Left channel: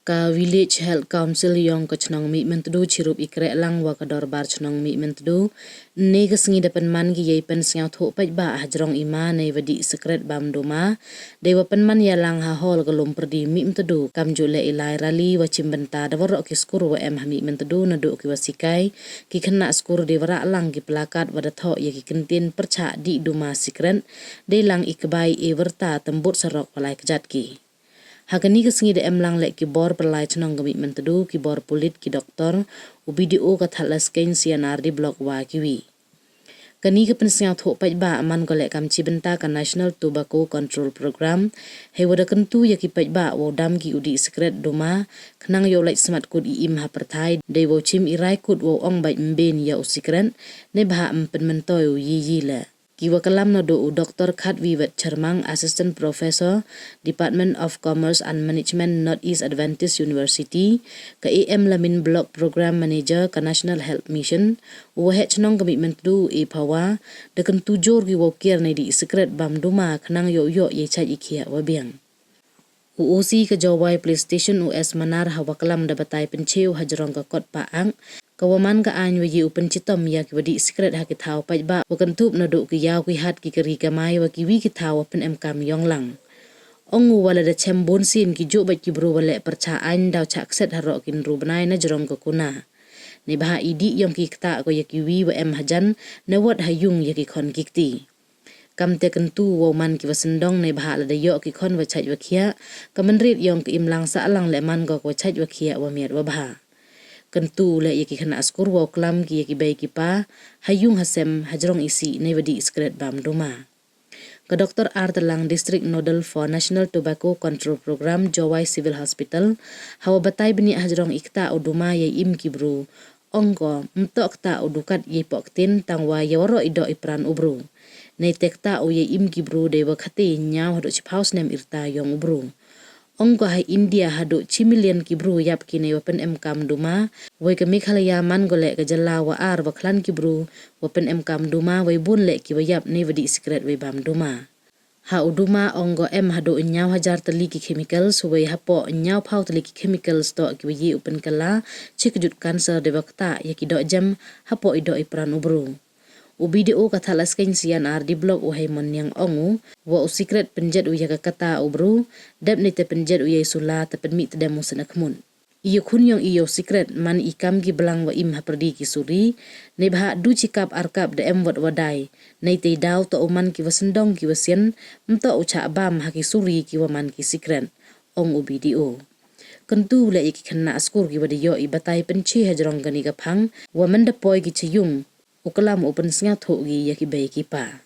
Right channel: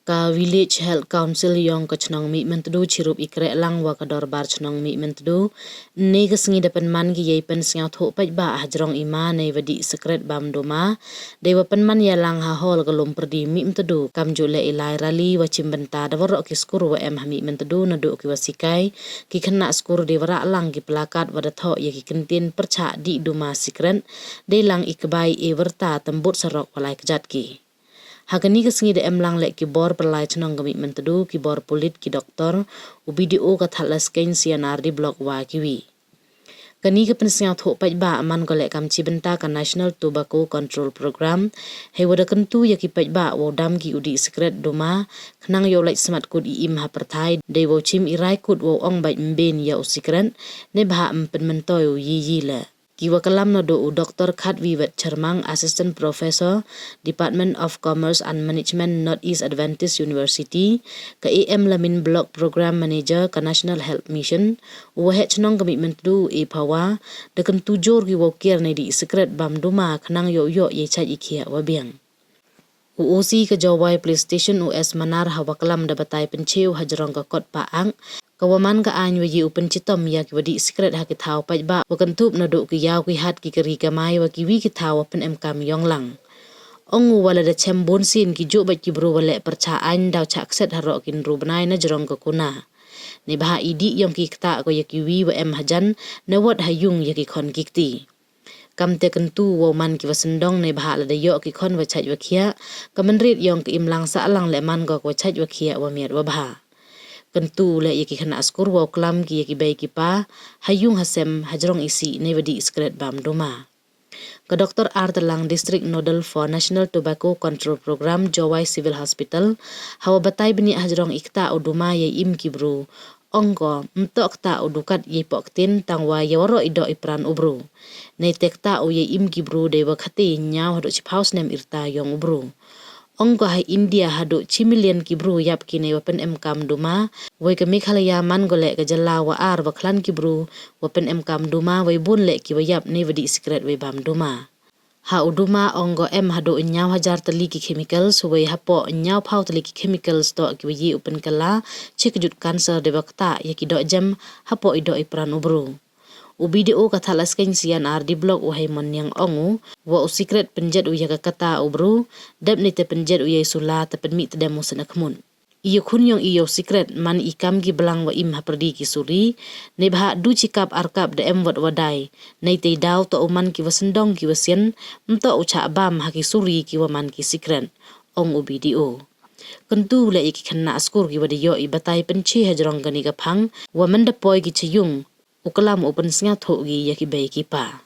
Ka village health council yang ka chnong mi mentudu chirup ikre lang wa ka dorbar chnong mi mentudu ne ga singi dapan man gi yei pen singa tho pai ba hajrong ima ne wadi sikret bam doma de wa pen man ya lang ha hol ga lum perdi mi mentudu kam jo le ilai rali wa chimbenta da waro ki skur wa em ha mi mentudu na do ki wasikai ki khna skur de wara lang ki plakat wa da tho ye ki kentin pyrchah di doma sikret de lang ikbai e Wyrta tembut sarok palai kejat ki. Hagani ke singi de emlang lek ki bor perlai chnong gami mentedu ki bor polit ki doktor u video ka thalas kain sianar di blok wa kiwi. Kani ke pensiang tho pai ba aman ko lek kam chi benta ka National Tobacco Control Program he wada kentu ya ki pai ba wo dam ki udi sikret doma khnang yo lek smart kud i im hapyrdi de wo chim irai kud wo ong bai mben ya u sikret ne ba empen mentoy yi le. Kiwa kalam no do Dr. Khatwiwet Charmang, Assistant Professor, Department of Commerce and Management, Northeast Adventist University, ka AM Lamin Block Program Manager ka National Health Mission, uwahe chnong commitment do e pawa, dekan tujor ki wokir na di sikret bam duma kanang yo ye chat ikia wabiang. UOC ka Jawai Police Station US Manar hawakalam da batay penchew hajrong ka kot paang, kawaman ka anyo yi upen chitom ya ki wadi sikret ha ki thaw pai ba wakantup na do ki yaw ki hat ki kari kamay wa ki wi ki thaw pen emkam yong lang. Ongu wala da chembon sin ki jo bat ki bro wale pyrchah an daw chak set haro kin rubnay na jrong ka kuna. Ni baha idi yong ki kta ko ya ki wi wa em hajan na wat hayung ya ki kon kikti. Kam te kentu wo man ki wasendong ne baha la da yo ki kon wa chaj wa khia kamenrit yong ki imlang sa alang le man go ko chaj wa khia wa miat wa baha. Kentu le yaki khana askur wa klam ki yaki bai ki pa hayung hasem hajrong isi ne wadi sikret bam doma. Ka Dr. Artelang District Nodal for National Tobacco Control Program Jawai Civil Hospital hawa batay bini hajrong ikta o doma yay im ki bro ongko mtok ta o dukat yay poktin tangwa yawaro ido ipran ubro. Nay tekta o yay im ki bro de wakati nyaw hado chiphaus nem irta yong ubro. Ongko hai India hado chimilian ki bro yap ki ne wapen emkam duma wai ka Meghalaya man gole ka jala wa ar wa klan ki bro wapen emkam duma wai bun le ki wayap ne wadi sikret wai bam duma. Ha uduma ongko em hado nyaw hajar tali ki chemicals wai hapo nyaw pau tali ki chemicals to ki wayi upen kala chikjut cancer de wakta ya ki do jam hapo ido ipran ubro. Video ka thalas kain sian ar di blog uhay mon yang ongu wa sikret penjet uya ka kata ubro dap ni te penjet uya sula te penmi te demo senakmun. Iyo kun yung iyo sikret man ikam gi blang wa im hapyrdi ki suri ne bha du chikap arkap de em wat wadai nei te daw to uman ki wasendong ki wasien mto ucha bam ha ki suri ki waman ki sikret ong u video. Kentu le iki khanna askur ki wadiyo i batay penchi hajrong gani ka phang wa manda poi ki chiyung ukalam open singa thogi yaki bai ki pa.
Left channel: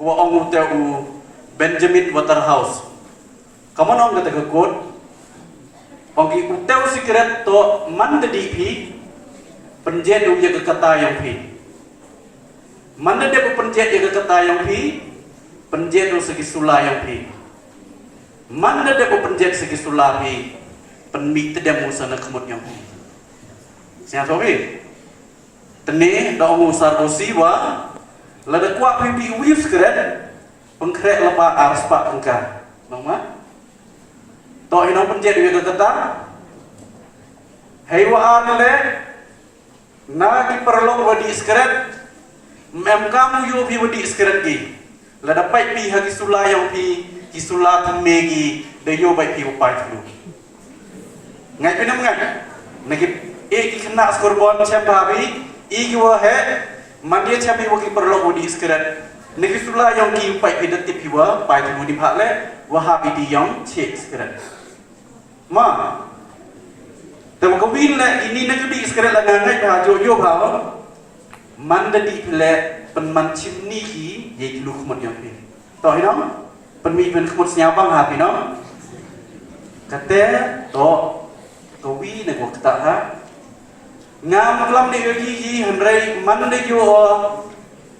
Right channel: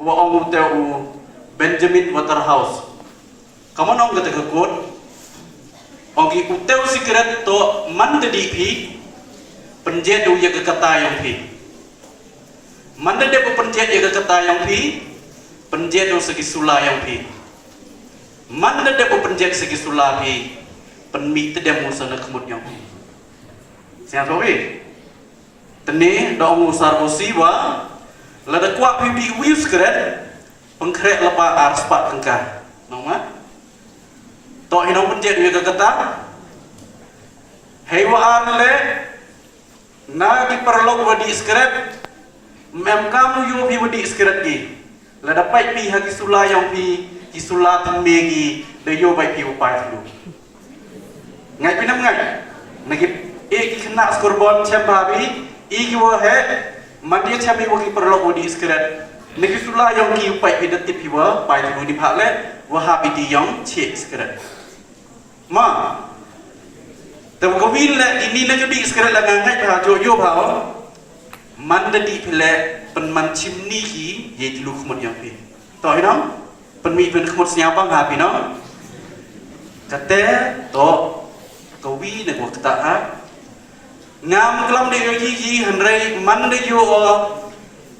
Wa ongu te u Benjamin Waterhouse. Kamu nong kata kekut, ongi uteu sikret to man dedi pi, penjet du ya kekata yang pi. Man dedi penjet ya kekata yang pi, penjet du segi sula yang pi. Man dedi penjet segi sula pi, penmi tedemu sana kemut yang pi. Siapa pi? Tene dong usar usiwa, lada kuat pi bi uyu sikret, pengkrek lepa arspat tengkar, nama? To hinong penjet uya kekata hewa anle nagi perlok wadi sikret mem kamu yu bi wadi sikret gi la dapat pi hagi sula yang pi ki sula temegi de yo bai pi upai dulu ngai pinam ngai nagi ki kena skorbon chamba bi i ki wa he mandia chambi wagi perlok wadi sikret nagi sula yang ki upai pi detit pi wa pai dulu di phale wa hapyrdi yang che sikret ma temu kawin la ini na jadi sekret la ngangai ba jojo ba man da di pile pen man chimni ki ye di lu khmot yang pi to hinam pen mi pen khmot nya bang ha pi no kate to kawi na ko kata ha ngam klam de yi hanrai man de yo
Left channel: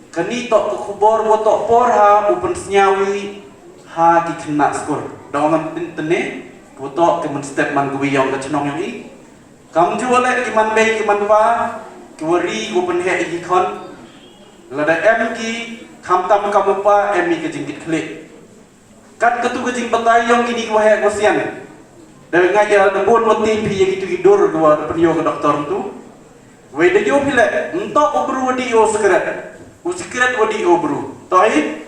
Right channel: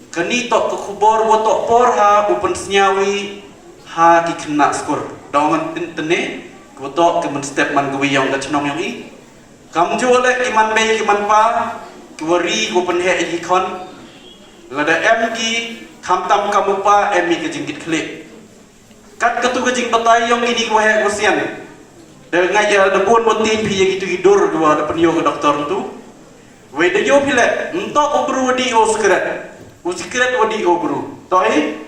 Kani tok ke kubur tok por ha upen senyawi ha ki kena skor. Dongan tene tok ke men step man gwi yang ka chnong yang i. Kam ju le ki man bei ki man pa ki wari upen he i kon. Lada em ki kam tam kam pa em mi ke jingkit klik. Kat ketu ke jing batai yang ini ko he ko sian. Dan ngaya de bon motin pi yang itu hidur dua de penyo ke doktor tu. We de yo pile entok obru di o sikret. O sikret wadi o bru. Toi?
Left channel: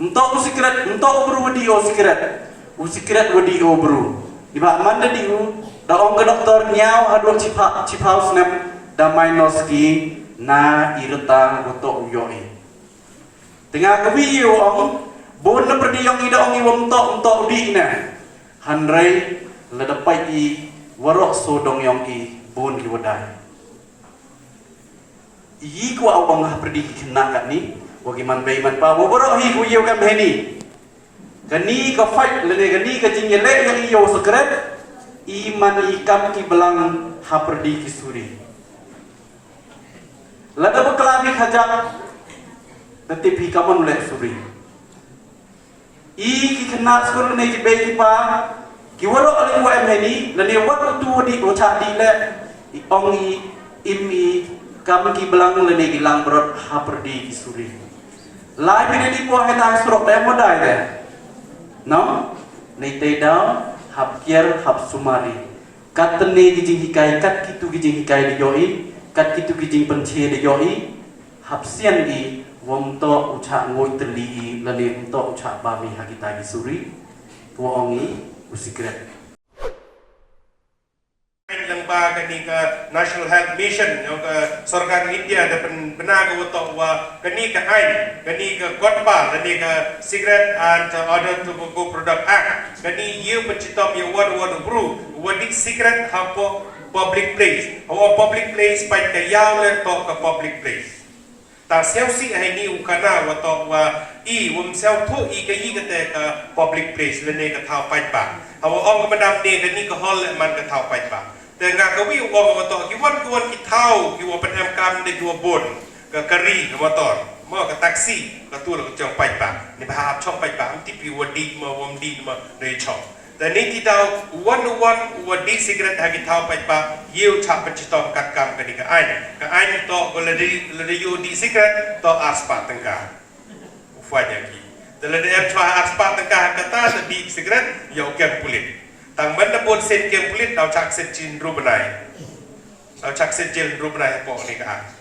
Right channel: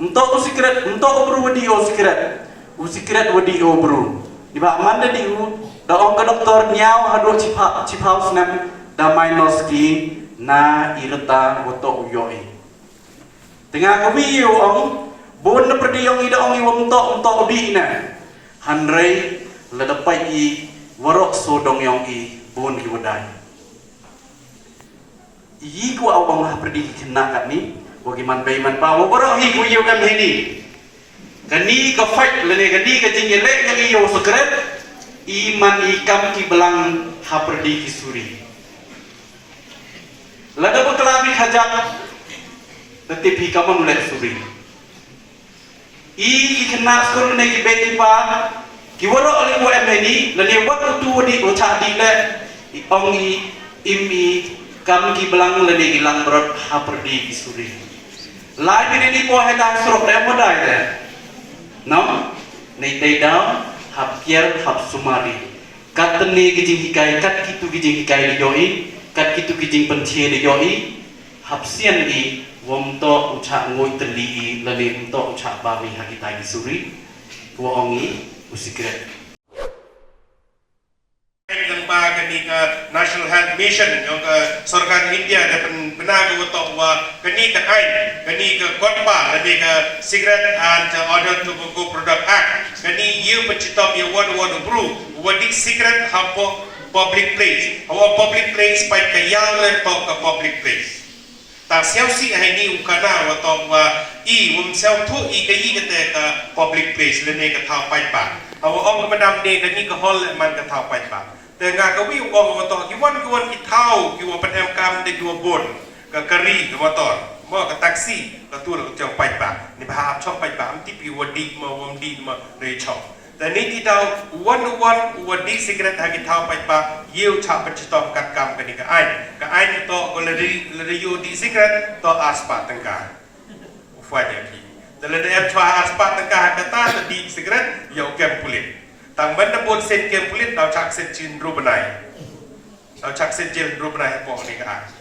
Entok o sikret, entok obru wadi o sikret. O sikret wadi o bru. Iba manda di u da ong ke doktor nyau hado chipau snap da minus ki na Wyrta woto uyoi. Tengah kewi u ong bon na perdi ong ida ong iwam entok di na. Hanrei ledapai i warok sodong yang i bon ki wadai. Yi ku au bang hapyrdi kena kat ni wagi man bai man pa mo borok hi ku yu kam heni kani ka fight lene kani ka jing yaleh yang iyo sikret iman ikam ki blang hapyrdi ki suri lada beklabi hajak tetip hi kaman leh suri i ki kena skor ne ki bai ki pa ki warok ali wa heni lene wat tu di o cha di le ong i imi kam ki blang lene ki lang brot hapyrdi ki suri lai bini ni po heta surok le modai de no nei te down hap kier hap sumari kat tene ki jing hikai kat kitu ki jing hikai de yoi kat kitu ki jing penche de yoi hap sian i wom to ucha ngoi teli lene to ucha babi hakita ki suri wo ongi usikret ba kani ka National Health Mission yang ke Sarkar India ada benar ke untuk kani ka kani ka kotpa kani ka Cigarette and Other Tobacco Product Act kani you pencitom you want improve wadi cigarette hapo public place hawa public place pai ka yaleh to ka public place ta siau si hai ni ukana wa to i wum siau thu i ka i ka te ka public place le ne ka thau pai pa hawa ong ka madam ne kani ka hol man ka thau pai pa dengan kawi uang motor kiwan ki tau kiwan penem kam de kiwan bon ke kari ke motor mo ke taksi ke tu ke jauh pai pa ni bahap chok pai pa anti pi wadi mo wom di mo re chok dan ni ti tau one wadi sikret ha ki tau pai pa yeu cha pencitom kat kam ke ni ka ai to ko le yu di sikret to aspa tengka ufai ki dan le em chwa aspa tengka kata di sikret yo kem kulit tang benda pun sen kem kulit dau chak sen chin ru benai dau chak sen chin ru benai po ni ka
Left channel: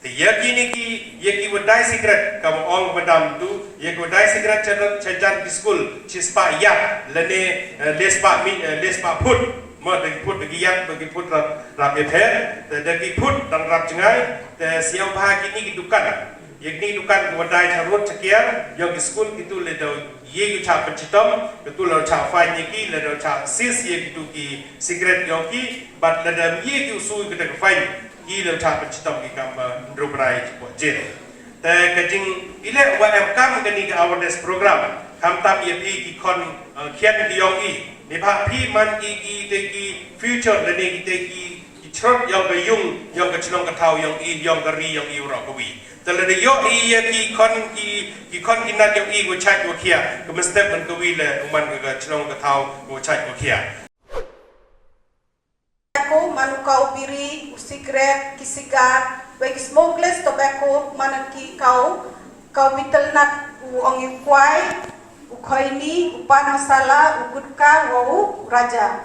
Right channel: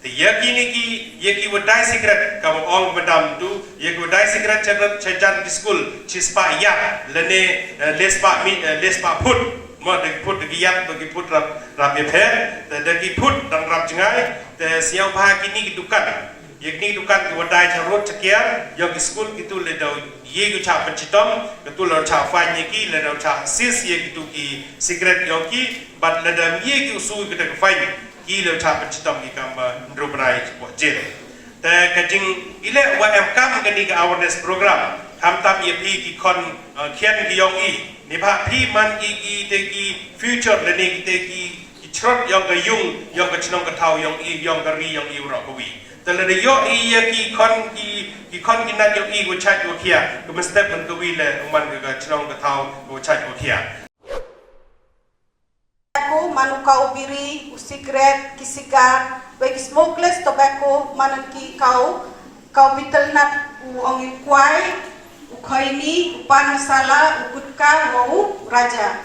ti yaki ni ki wadai sikret kam ong madam tu yaki wadai sikret chajan di school chispa ya lene lespa put mo de put de yak de put rap ye phe de ki put dan rap jangai de siau ba ki ni dukan yakni dukan wadai charot chakia yo ki school kitu le dau ye ku cha pachitom kitu lo cha fa ni ki le dau cha sis ye kitu ki secret yo ki but le dam ye ki usu ki de fa ki lo cha pachitom ki kam ndrobrai po je te kajing ile wa em kam ka ni ka awareness program ham tam ye pi ki kon khian ki yong i ni ba pi man ki te ki future le ni te ki chrot yong ka yung yong ka chnong ka thau yong i yong ka ri yong i ro ko wi tele de yo i ki kon ki nan yo i go chai go kia ko step man ko wi le man ga chnong ka thau go chai go kia tobacco manukau biri sikret kisigar bagi smokeless tobacco manan ki kau bitel nat u ongi kwai u khaini u pan masala u gutka u raja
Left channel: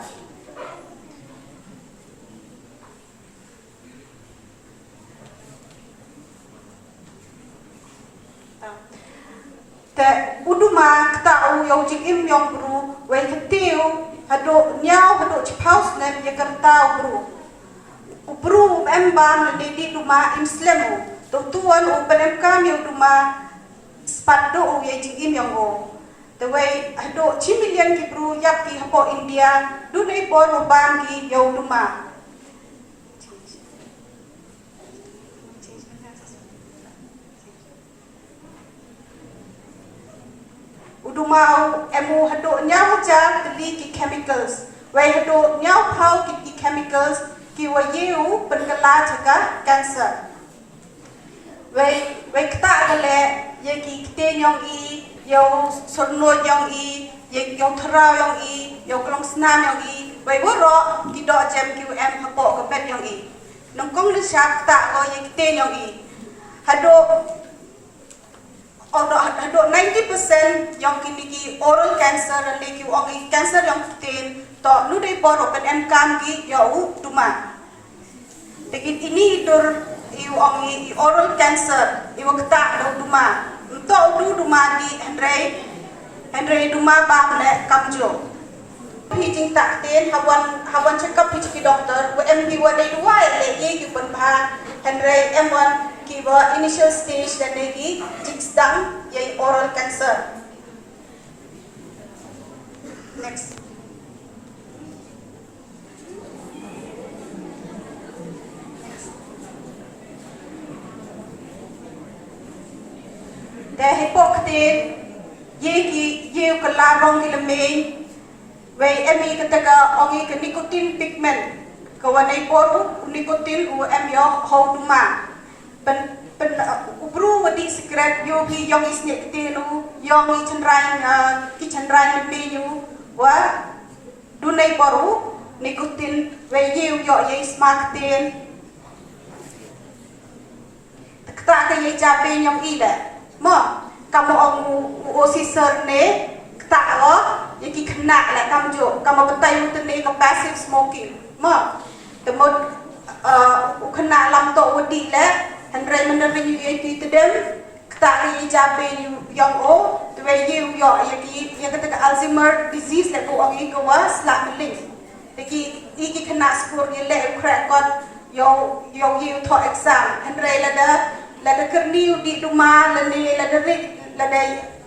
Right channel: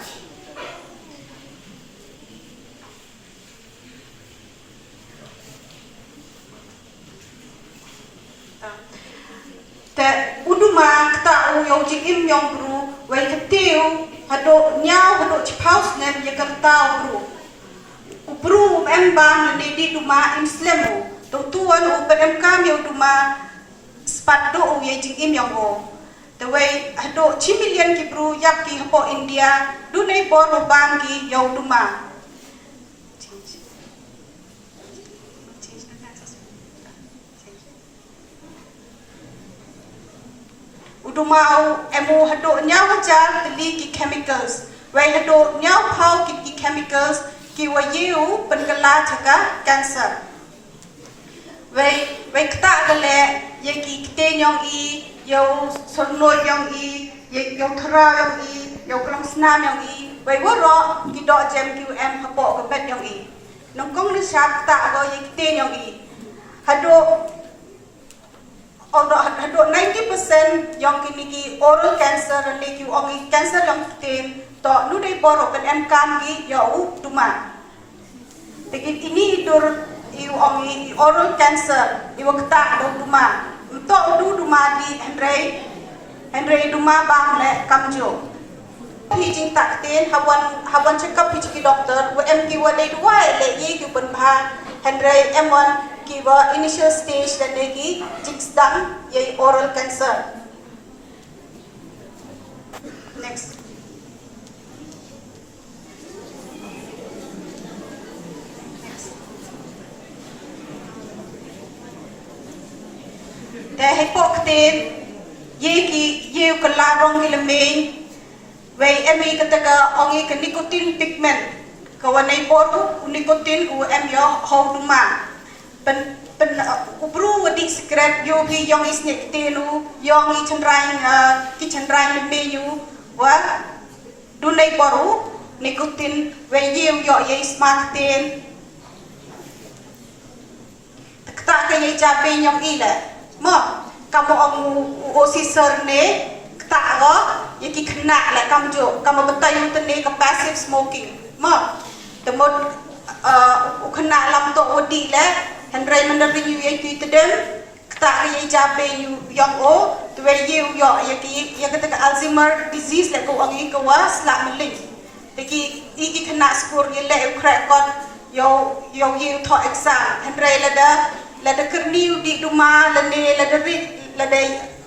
te uduma kta u yong ji im yong bru wen ketiu hado nyau hado chipaus ne ye kerta bru u bru em bam ne di duma im slemu to tuan u pen em kam yo duma spat do u ye ji im yong o the way hado chi million ki bru yak ki hapo India du nei bor bam ki yo duma udumau emu hado nyau hajar teli ki chemicals wai hado nyau pau ki chemicals ki wayu penkala jaga cancer Wei kata kale ye ki kiten yang I yo sornol yang I ye yo thara yang I yo klong snam yang I wei woro ki do jam QM hapo ka bet yang I nong kong ni sap ta go ye kiten yang I hado 90% yang kini ki oral cancer dan ki ongi cancer yang kiten to nu dei poro pen em kam ki yo tuma tegit ini dur iu ongi oral cancer iu kata do tuma to du tuma di Henry tuma bang le kamjo hi jing tak ten hawan check up hi doctor wa em ki wa dei duai le ye ki pen pha Henry M1 kiwa initial stage dan lagi sedang yaitu oral cancer. Next. Dah hepok ten ye kelarong ilmeng wei emi kataga ongi ke nikotin pigment kawanai boru nikotin em yo hau duma pen ubru wadi sikret yo bi yong isnek tenu yong I chandrai menu wa dunai boru nikotin wei yo ye smart ten tak ke ye jabe yong ila mo kamu ong osisor ne tak lo ye ki kena la kamjo kamu betai utene ke passive smoking mo temut kena lam to wadi la Henry menerima itu tedem, tak kaya jabe yang tuai yo yang kata Alzheimer disease le ko angi ko was la meling. Jadi iki kena skor ye le crack kon yo to exam. Henry lada kerniu di rumah lade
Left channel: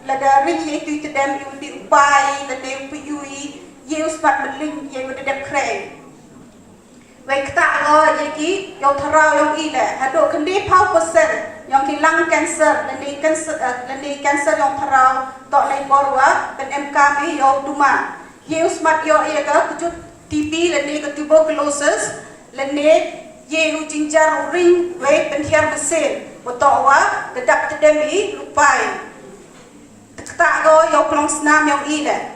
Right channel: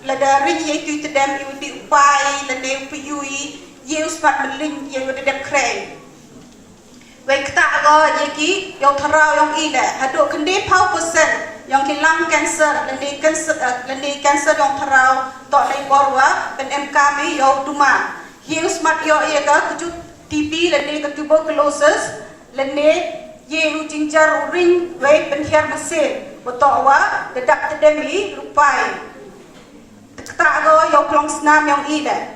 lada ring ye itu tedem yo di upai lade upui ye uspat meling ye udah crack. Wei kata go ye yang tharau yang ila hado kendi pau persen yang kilang cancer lendi cancer yang tharau tok nei borwa pen em kami yo duma ye smart yo ye ka kuju TB lendi ke tuberculosis lendi ye hu jinjar ring wei pen her mesin botok wa dedak tedemi rupai kata go yo klong snam yang ila